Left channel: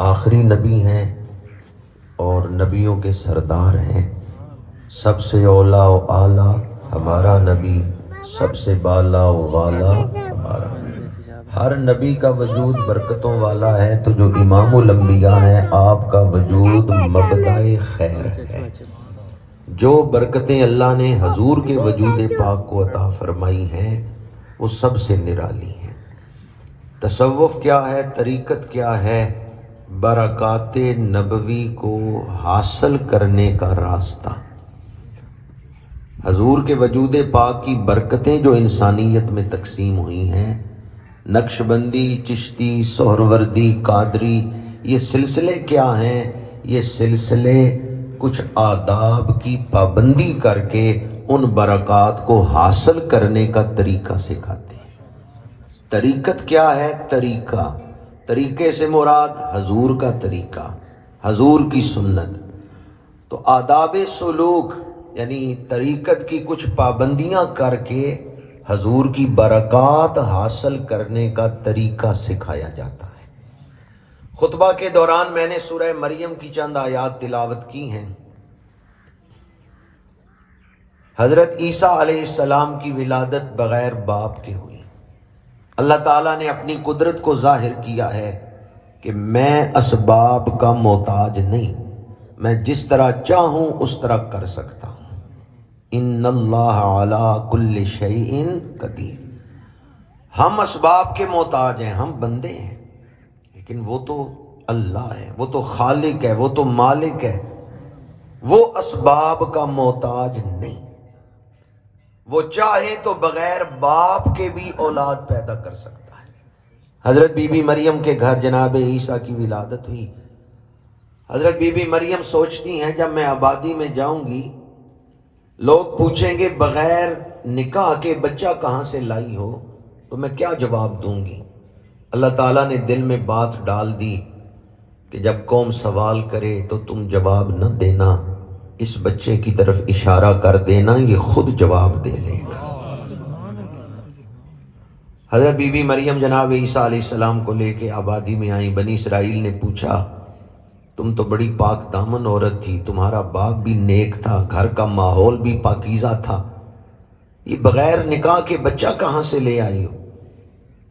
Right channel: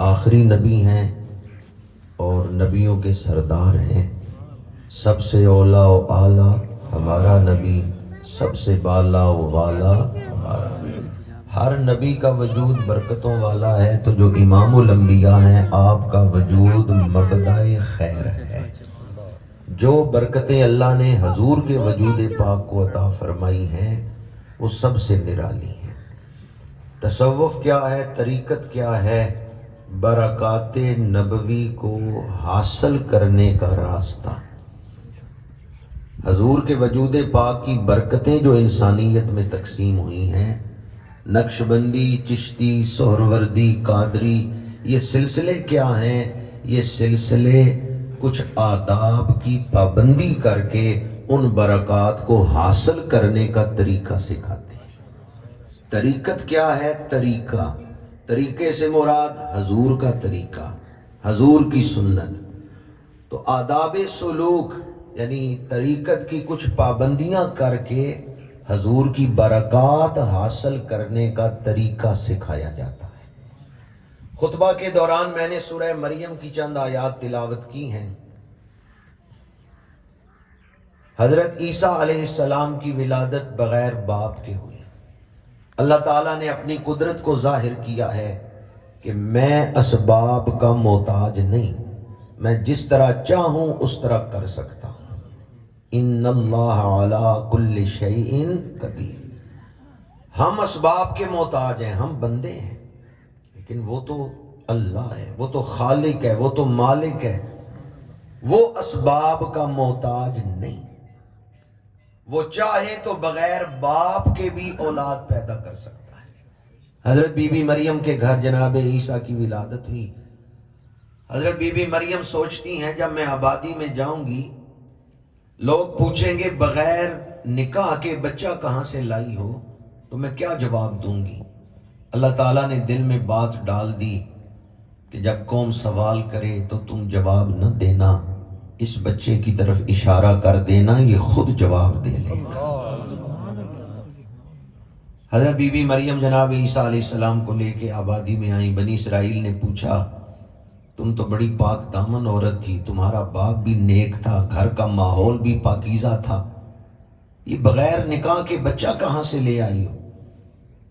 آخری نبی ہیں اور نبیوں کے سردار ہیں. سب سے اولا و اعلیٰ ہمارا نبی، سب سے بالا و والا ہمارا نبی. ہر نبی کا وجود برکتوں والا ہے، تو جو امام الانبیاء ہیں آپ کا وجود مبدأ خیر ہے. جو برکتیں اللہ نے حضور کے وجود پاک کو عطا فرمائی ہیں وہ سب سے نرالی ہیں. تصوف کیا ہے، طریقت کیا ہے؟ برکات نبوی کو حاصل کرنے کا راستہ. حضور کے وجود پاک کی برکتیں جو انسانیت میں تقسیم ہوئی ہیں، نقشبندی، چشتی، سہروردی، قادری، یہ سلسلے کیا ہیں؟ یہ سلسلے کچھ آداب کی پابندی کر کے ان برکات کو حاصل کرنے کا طریقہ سکھاتے ہیں. طریقت کیا ہے؟ طریقہ، طریقے سے مراد حضور کا طریقہ، حضور کی سنت. تو آداب سلوک یعنی طریقت کی کچھ پابندیاں کر کے حضور کی برکات حاصل کرنے کا طریقہ سکھایا جاتا ہے. خطبہ کے دوران میں نے سورہ مریم کی چند آیات تلاوت کی ہیں. حضرت عیسیٰ علیہ السلام کی ولادت بغیر باپ کے ہوئی. اللہ تعالیٰ نے اپنی قدرت کو ظاہر کیا ہے کہ میں اسباب کا محتاج نہیں، میں جس طرح چاہوں اس طرح کر سکتا ہوں. ان اللہ علی کل شیء قدیر. ہم اسباب کے محتاج ہیں، ہم بندے ہیں، لیکن وہ تو اللہ ہے، وہ تو خالق ہے، وہ تو مالک ہے. وہ اسباب کا محتاج نہیں. وہ چاہے تو بغیر باپ کے بھی اولاد پیدا کر سکتا ہے. حضرت بی بی مریم کے گھر جناب عیسیٰ کی ولادت ہوئی. حضرت بی بی مریم سوچتی ہیں جب میں آبادی میں جاؤں گی لوگ پوچھیں گے بغیر نکاح کے بچہ کہاں سے لائی ہو، تو میں کیا جواب دوں گی؟ اللہ تعالیٰ نے دل میں بات ڈال دی کہ جب قوم سوال کرے تو تم جواب نہ دینا، اس بچے کی طرف اشارہ کر دینا، یہ خود جواب دے لے گا. حضرت بی بی مریم جناب عیسیٰ علیہ السلام کو لے کے آبادی میں آئیں. بنی اسرائیل نے پوچھا تم تو بڑی پاک دامن عورت تھی، تمہارا باپ بھی نیک تھا، گھر کا ماحول بھی پاکیزہ تھا، یہ بغیر نکاح کے بچہ کہاں سے لے آئی ہو؟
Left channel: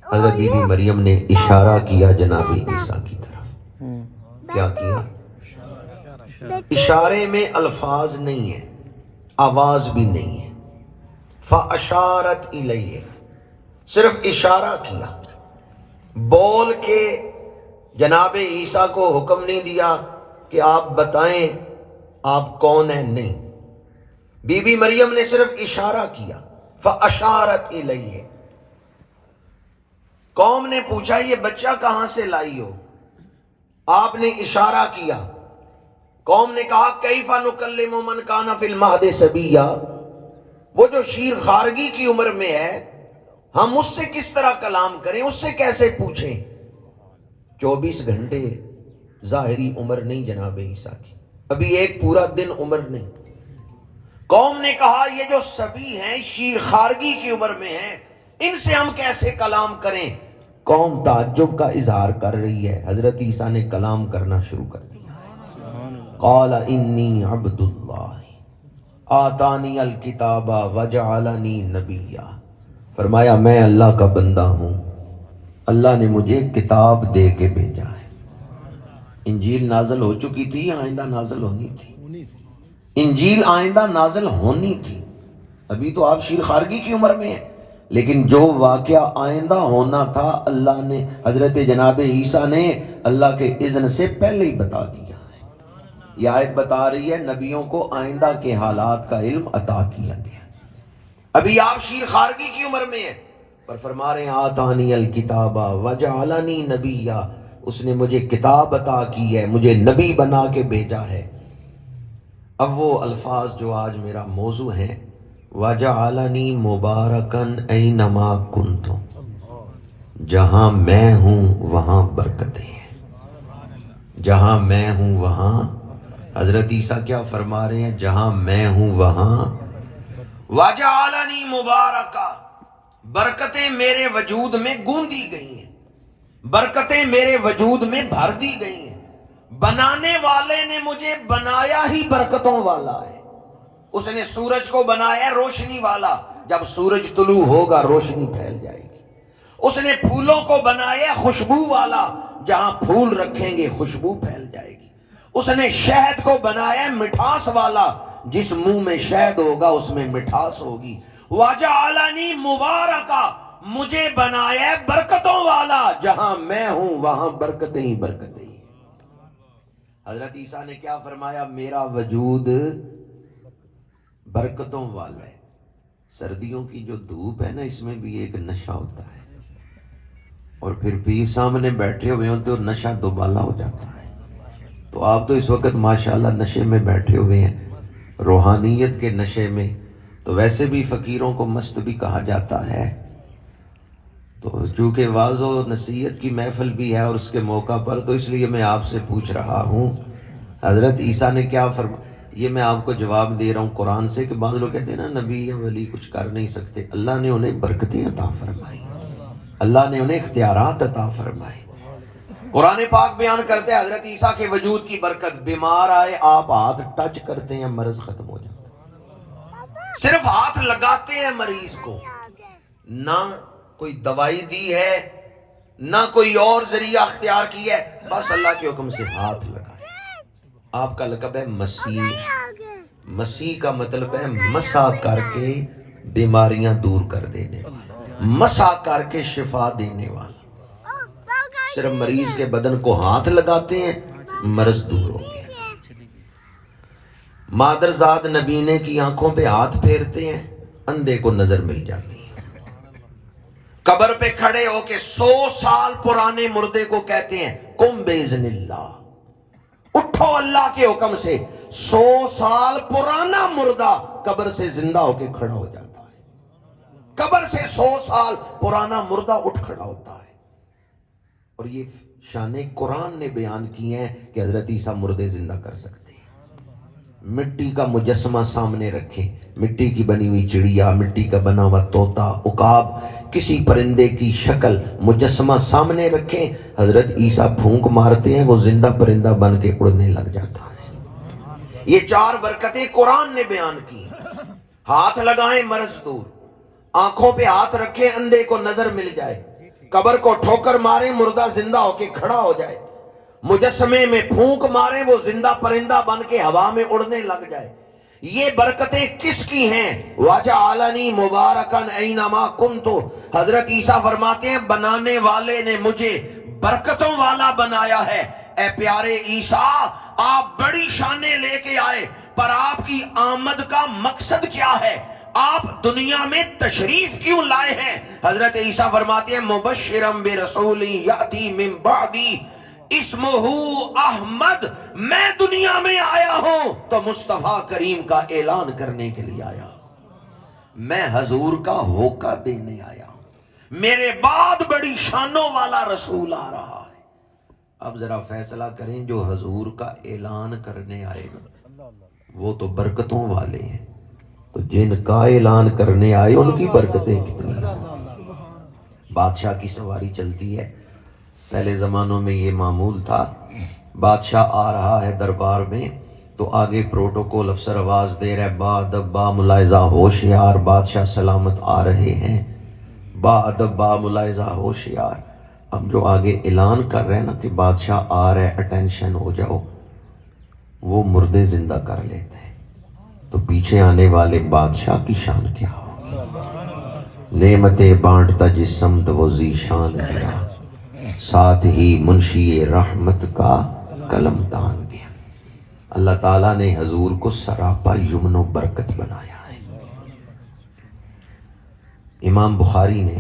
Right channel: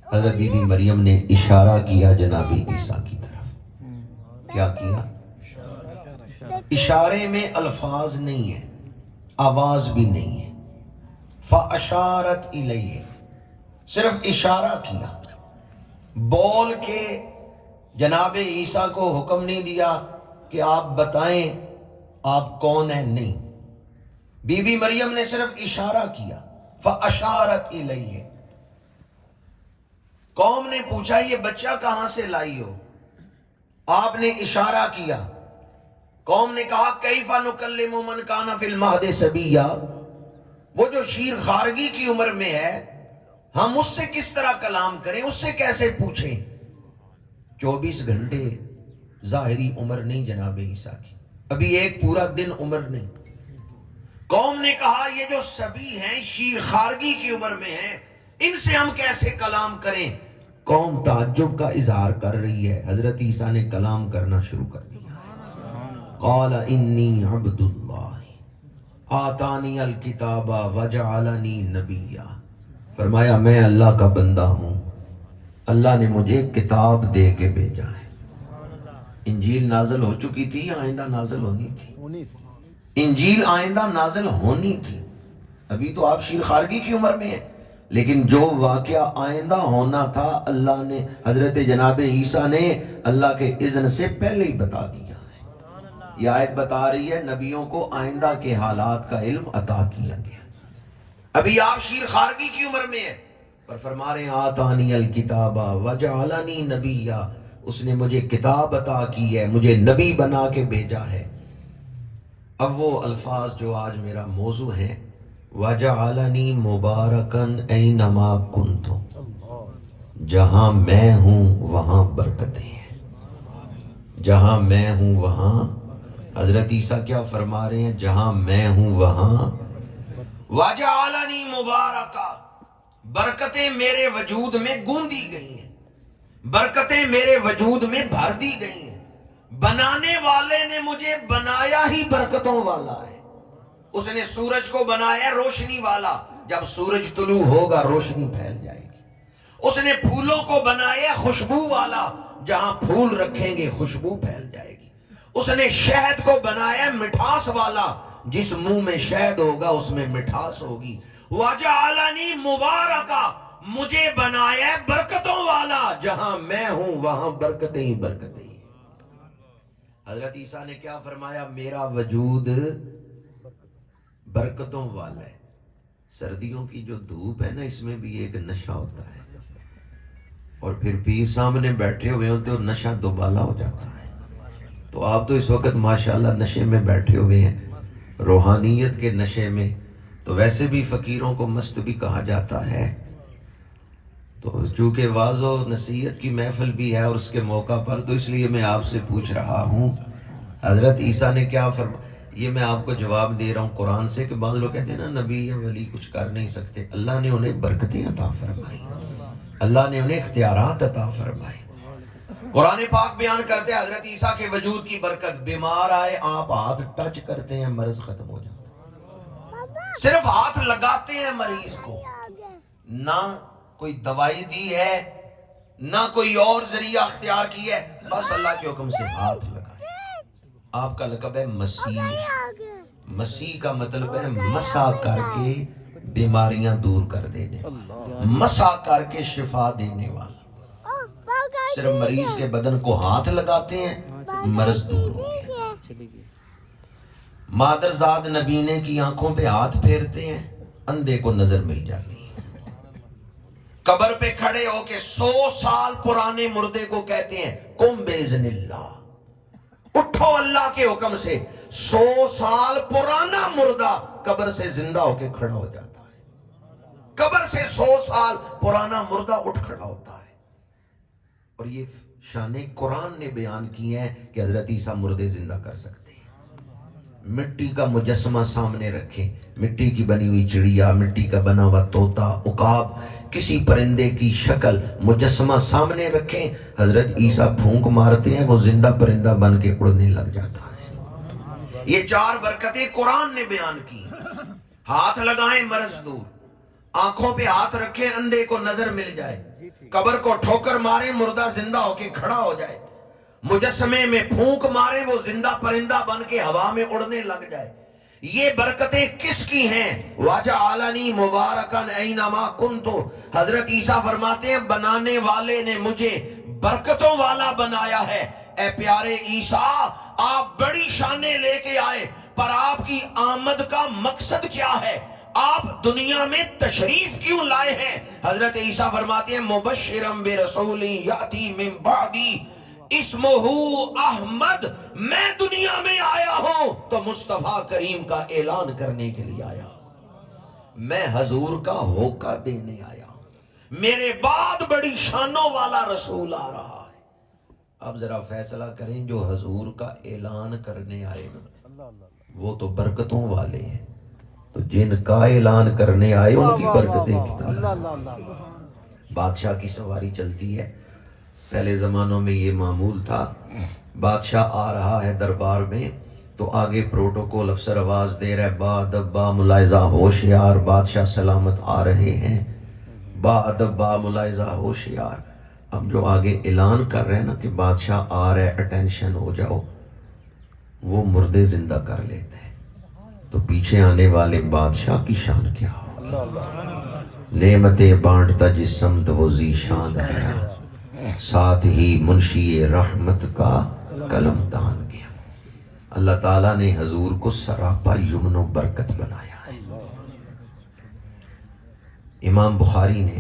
حضرت بی بی مریم نے اشارہ کیا جناب عیسیٰ کی طرف. کیا کیا؟ اشارے میں الفاظ نہیں ہے، آواز بھی نہیں ہے. فَأَشَارَتْ إِلَيْهِ، صرف اشارہ کیا، بول کے جناب عیسیٰ کو حکم نہیں دیا کہ آپ بتائیں آپ کون ہیں. نہیں، بی بی مریم نے صرف اشارہ کیا. فَأَشَارَتْ إِلَيْهِ. قوم نے پوچھا یہ بچہ کہاں سے لائی ہو؟ آپ نے اشارہ کیا. قوم نے کہا کیفَ نُکَلِّمُ مَنْ کَانَ فِی الْمَہْدِ صَبِیًّا، وہ جو شیر خارگی کی عمر میں ہے ہم اس سے کس طرح کلام کریں، اس سے کیسے پوچھیں؟ 24 گھنٹے ظاہری عمر نہیں جناب عیسیٰ کی، ابھی ایک پورا دن عمر نہیں. قوم نے کہا یہ جو صبی ہیں شیر خارگی کی عمر میں ہیں، ان سے ہم کیسے کلام کریں؟ قوم تعجب کا اظہار کر رہی ہے. حضرت عیسیٰ نے کلام کرنا شروع کر دیا. قال انی عبد اللہ آتانی الکتاب وجعلنی نبیا. فرمایا میں اللہ کا بندہ ہوں، اللہ نے مجھے کتاب دے کے بھیجا ہے. انجیل نازل ہو چکی تھی، آئندہ نازل ہونی تھی. انجیل آئندہ نازل ہونی تھی. ابھی تو آپ شیر خارگی کی عمر میں ہیں، لیکن جو واقعہ آئندہ ہونا تھا اللہ نے، حضرت جناب عیسیٰ نے اللہ کے اذن سے پہلے ہی بتا دیا ہے. یہ آیت بتا رہی ہے نبیوں کو آئندہ کے حالات کا علم عطا کیا گیا. ابھی آپ شیر خارگی کی عمر میں ہیں، پر فرما رہے ہیں آتانی الکتاب وجعلنی نبیا، اس نے مجھے کتاب عطا کی ہے، مجھے نبی بنا کے بھیجا ہے. اب وہ الفاظ جو آج میرا موضوع ہے، وجعلنی مبارکن اینما کنت، جہاں میں ہوں وہاں برکتیں ہیں، جہاں میں ہوں وہاں. حضرت عیسیٰ کیا فرما رہے ہیں؟ جہاں میں ہوں وہاں وجعلنی مبارکہ، برکتیں میرے وجود میں گوندی گئی ہیں. برکتیں میرے وجود میں بھر دی گئی ہیں. بنانے والے نے مجھے بنایا ہی برکتوں والا ہے. اس نے سورج کو بنایا روشنی والا، جب سورج طلوع ہوگا روشنی پھیل جائے گی. اس نے پھولوں کو بنایا خوشبو والا، جہاں پھول رکھیں گے خوشبو پھیل جائے گی. اس نے شہد کو بنایا مٹھاس والا، جس منہ میں شہد ہوگا اس میں مٹھاس ہوگی. وَجَعَلَنِي مُبَارَكًا، مجھے بنایا برکتوں والا، جہاں میں ہوں وہاں برکتیں ہی برکتیں. حضرت عیسیٰ نے کیا فرمایا؟ میرا وجود برکتوں والا ہے. سردیوں کی جو دھوپ ہے نا، اس میں بھی ایک نشہ ہوتا ہے، اور پھر پیر سامنے بیٹھے ہوئے ہوتے اور نشہ دوبالا ہو جاتا ہے. تو آپ تو اس وقت ماشاءاللہ نشے میں بیٹھے ہوئے ہیں، روحانیت کے نشے میں. تو ویسے بھی فقیروں کو مست بھی کہا جاتا ہے. تو چونکہ واعظ و نصیحت کی محفل بھی ہے اور اس کے موقع پر، تو اس لیے میں آپ سے پوچھ رہا ہوں، حضرت عیسیٰ نے کیا فرمایا؟ یہ میں آپ کو جواب دے رہا ہوں قرآن سے، کہ بعض لوگ کہتے ہیں نا نبی یا ولی کچھ کر نہیں سکتے. اللہ نے انہیں برکتیں عطا فرمائی، اللہ نے انہیں اختیارات عطا فرمائے. قرآن پاک بیان کرتے ہیں حضرت عیسیٰ کے وجود کی برکت. بیمار آئے آپ ہاتھ ٹچ کرتے ہیں مرض ختم ہو جاتا ہے. صرف ہاتھ لگاتے ہیں مریض کو، نہ کوئی دوائی دی ہے نہ کوئی اور ذریعہ اختیار کیا ہے، بس اللہ کے حکم سے ہاتھ لگائے. آپ کا لقب ہے مسیح. مسیح کا مطلب ہے مسا کر کے بیماریاں دور کر دینے والا، مسا کر کے شفا دینے والا. صرف مریض کے بدن کو ہاتھ لگاتے ہیں مرض دور ہو گیا. مادرزاد نبینے کی آنکھوں پہ ہاتھ پھیرتے ہیں، اندھے کو نظر مل جاتی ہے. قبر پہ کھڑے ہو کے 100 سال پرانے مردے کو کہتے ہیں قم باذن اللہ، اٹھو اللہ کے حکم سے. 100 سال پرانا مردہ قبر سے زندہ ہو کے کھڑا ہو جاتا ہے. قبر سے 100 سال پرانا مردہ اٹھ کھڑا ہوتا ہے. اور یہ شان قرآن نے بیان کی ہے کہ حضرت عیسیٰ مردے زندہ کر سکتے ہیں. مٹی کا مجسمہ سامنے رکھیں، مٹی کی بنی ہوئی چڑیا، مٹی کا بنا ہوا طوطا، عقاب، کسی پرندے کی شکل مجسمہ سامنے رکھیں، حضرت عیسیٰ پھونک مارتے ہیں وہ زندہ پرندہ بن کے اڑنے لگ جاتا ہے. یہ 4 برکتیں قرآن نے بیان کی. ہاتھ لگائیں مرض دور، آنکھوں پہ ہاتھ رکھیں اندھے کو نظر مل جائے، قبر کو ٹھوکر مارے مردہ زندہ ہو کے کھڑا ہو جائے، مجسمے میں پھونک مارے وہ زندہ پرندہ بن کے ہوا میں اڑنے لگ جائے. یہ برکتیں کس کی ہیں؟ وَجَعَلَنِي مُبَارَكًا أَيْنَمَا كُنْتُ. حضرت عیسیٰ فرماتے ہیں بنانے والے نے مجھے برکتوں والا بنایا ہے. اے پیارے عیسیٰ، آپ بڑی شانیں لے کے آئے، پر آپ کی آمد کا مقصد کیا ہے؟ آپ دنیا میں تشریف کیوں لائے ہیں؟ حضرت عیسیٰ فرماتے ہیں مبشرا برسول یاتی من بعدی اسمہ احمد. میں دنیا میں آیا ہوں تو مصطفیٰ کریم کا اعلان کرنے کے لیے آیا ہوں، میں حضور کا ہوکہ دینے آیا ہوں. میرے بعد بڑی شانوں والا رسول آ رہا ہے. اب ذرا فیصلہ کریں، جو حضور کا اعلان کرنے آئے وہ تو برکتوں والے ہیں، تو جن کا اعلان کرنے آئے ان کی برکتیں کتنی. بادشاہ کی سواری چلتی ہے. پہلے زمانوں میں یہ معمول تھا، بادشاہ آ رہا ہے دربار میں تو آگے پروٹوکول افسر آواز دے رہا ہے با ادب با ملاحظہ ہوشیار، بادشاہ سلامت آ رہے ہیں، با ادب با ملاحظہ ہوشیار. اب جو آگے اعلان کر رہے ہیں نا کہ بادشاہ آ رہے، اٹینشن ہو جاؤ، وہ مردے زندہ کر لیتے ہیں. تو پیچھے آنے والے بادشاہ کی شان کیا ہو؟ نعمتیں بانٹتا جس سمت وہ ذیشان گیا، ساتھ ہی منشی رحمت کا قلم تان گیا. اللہ تعالیٰ نے حضور کو سراپا یمن و برکت بنایا ہے. امام بخاری نے